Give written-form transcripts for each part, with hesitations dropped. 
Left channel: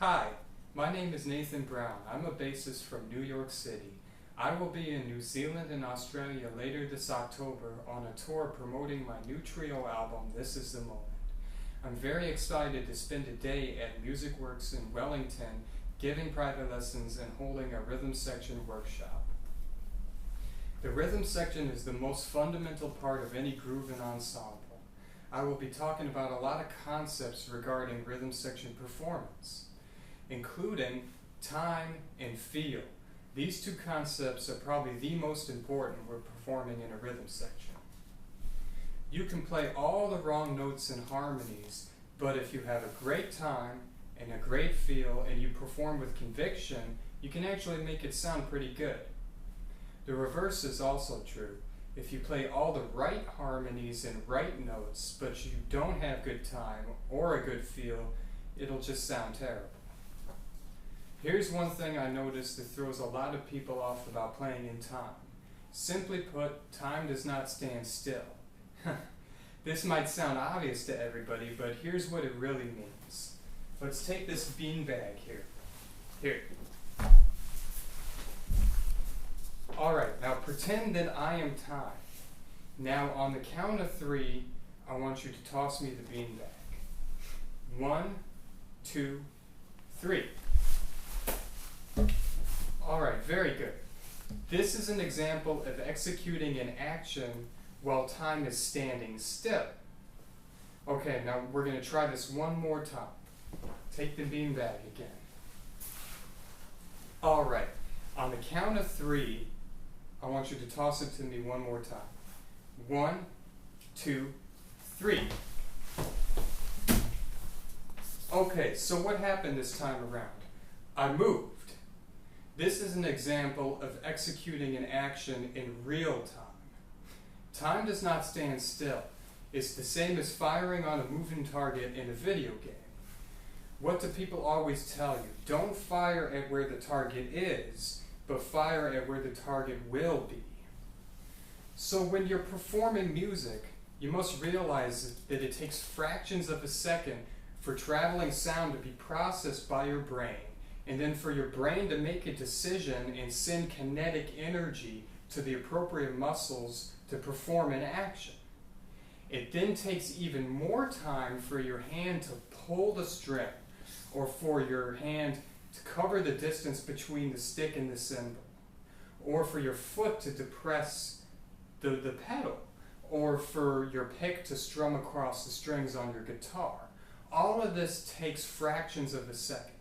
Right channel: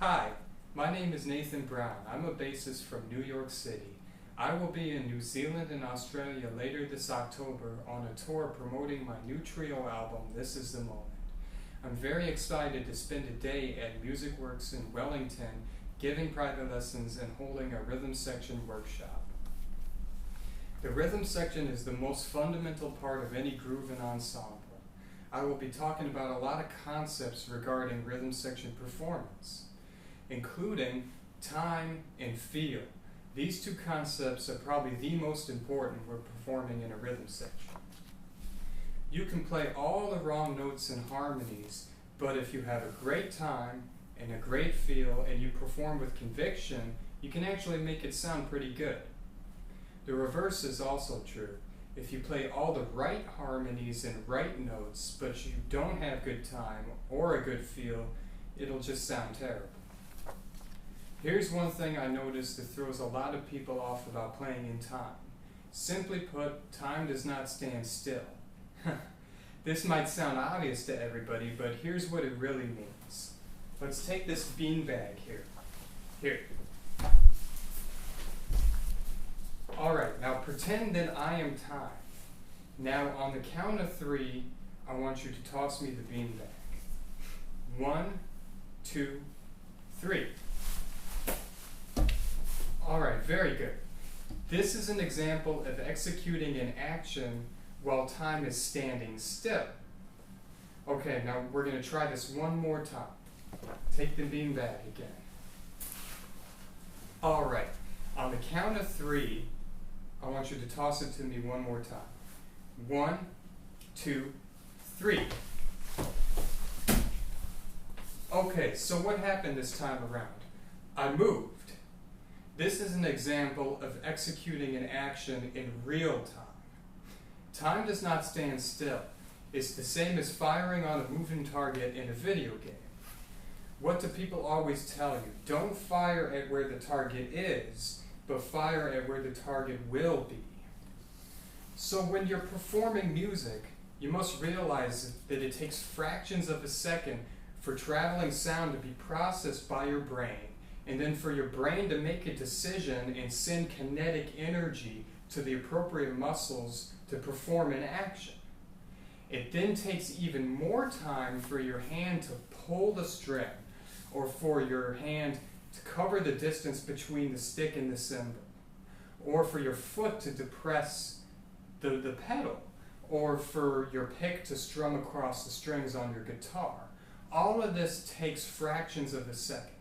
Hi, my name is Nathan Brown. I'm a bassist from New York City. I will be in New Zealand and Australia later this October on a tour promoting my new trio album, This Is the Moment. I'm very excited to spend a day at MusicWorks in Wellington giving private lessons and holding a rhythm section workshop. The rhythm section is the most fundamental part of any groove and ensemble. I will be talking about a lot of concepts regarding rhythm section performance, including time and feel. These two concepts are probably the most important when performing in a rhythm section. You can play all the wrong notes and harmonies, but if you have a great time and a great feel and you perform with conviction, you can actually make it sound pretty good. The reverse is also true. If you play all the right harmonies and right notes, but you don't have good time or a good feel, it'll just sound terrible. Here's one thing I noticed that throws a lot of people off about playing in time. Simply put, time does not stand still. This might sound obvious to everybody, but here's what it really means. Let's take this beanbag here. Here. Alright, now pretend that I am time. Now on the count of 3, I want you to toss me the beanbag. 1, 2, 3. Alright, very good. This is an example of executing an action while time is standing still. Okay, now we're going to try this one more time. Take the beanbag again. Alright, on the count of 3, I want you to toss it to me one more time. 1, 2, 3. Okay, so what happened this time around? I moved. This is an example of executing an action in real time. Time does not stand still. It's the same as firing on a moving target in a video game. What do people always tell you? Don't fire at where the target is, but fire at where the target will be. So when you're performing music, you must realize that it takes fractions of a second for traveling sound to be processed by your brain, and then for your brain to make a decision and send kinetic energy to the appropriate muscles to perform an action. It then takes even more time for your hand to pull the string, or for your hand to cover the distance between the stick and the cymbal, or for your foot to depress the pedal, or for your pick to strum across the strings on your guitar. All of this takes fractions of a second.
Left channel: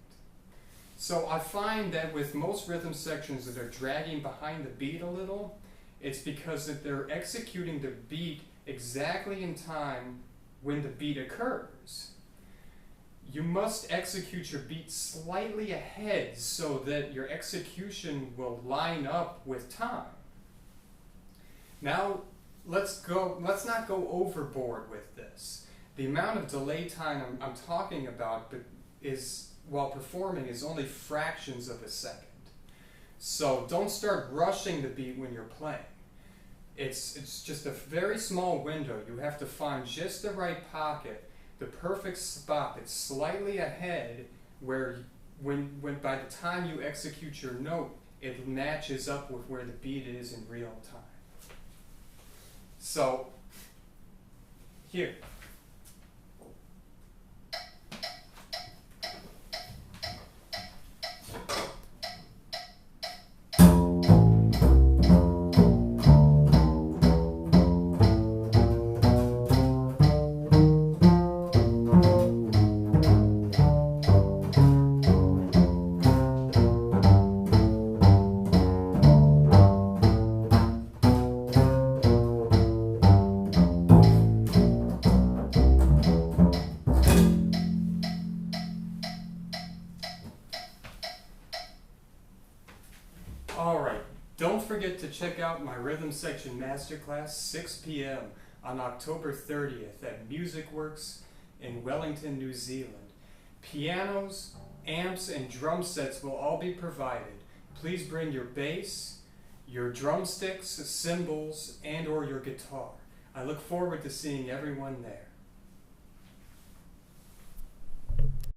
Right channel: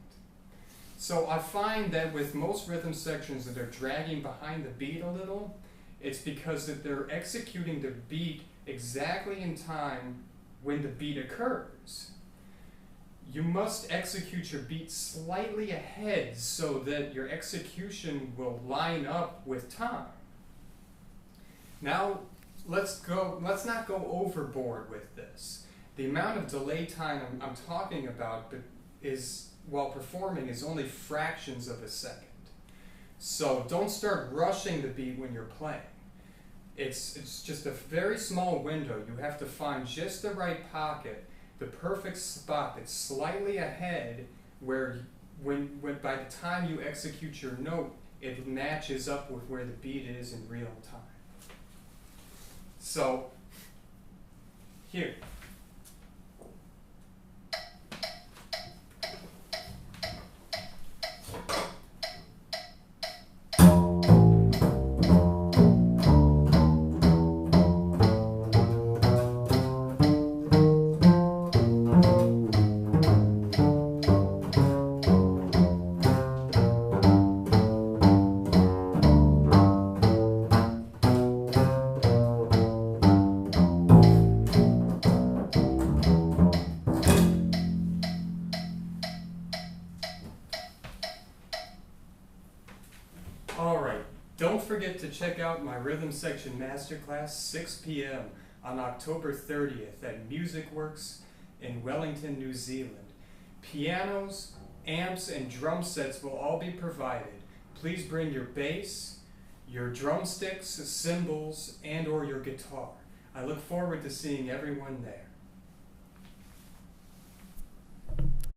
So I find that with most rhythm sections that are dragging behind the beat a little, it's because that they're executing the beat exactly in time when the beat occurs. You must execute your beat slightly ahead so that your execution will line up with time. Now, let's not go overboard with this. The amount of delay time I'm talking about while performing is only fractions of a second. So don't start rushing the beat when you're playing. It's just a very small window. You have to find just the right pocket, the perfect spot that's slightly ahead where when by the time you execute your note, it matches up with where the beat is in real time. So, here. Alright, don't forget to check out my Rhythm Section Masterclass 6 p.m. on October 30th at MusicWorks in Wellington, New Zealand. Pianos, amps, and drum sets will all be provided. Please bring your bass, your drumsticks, cymbals, and/or your guitar. I look forward to seeing everyone there.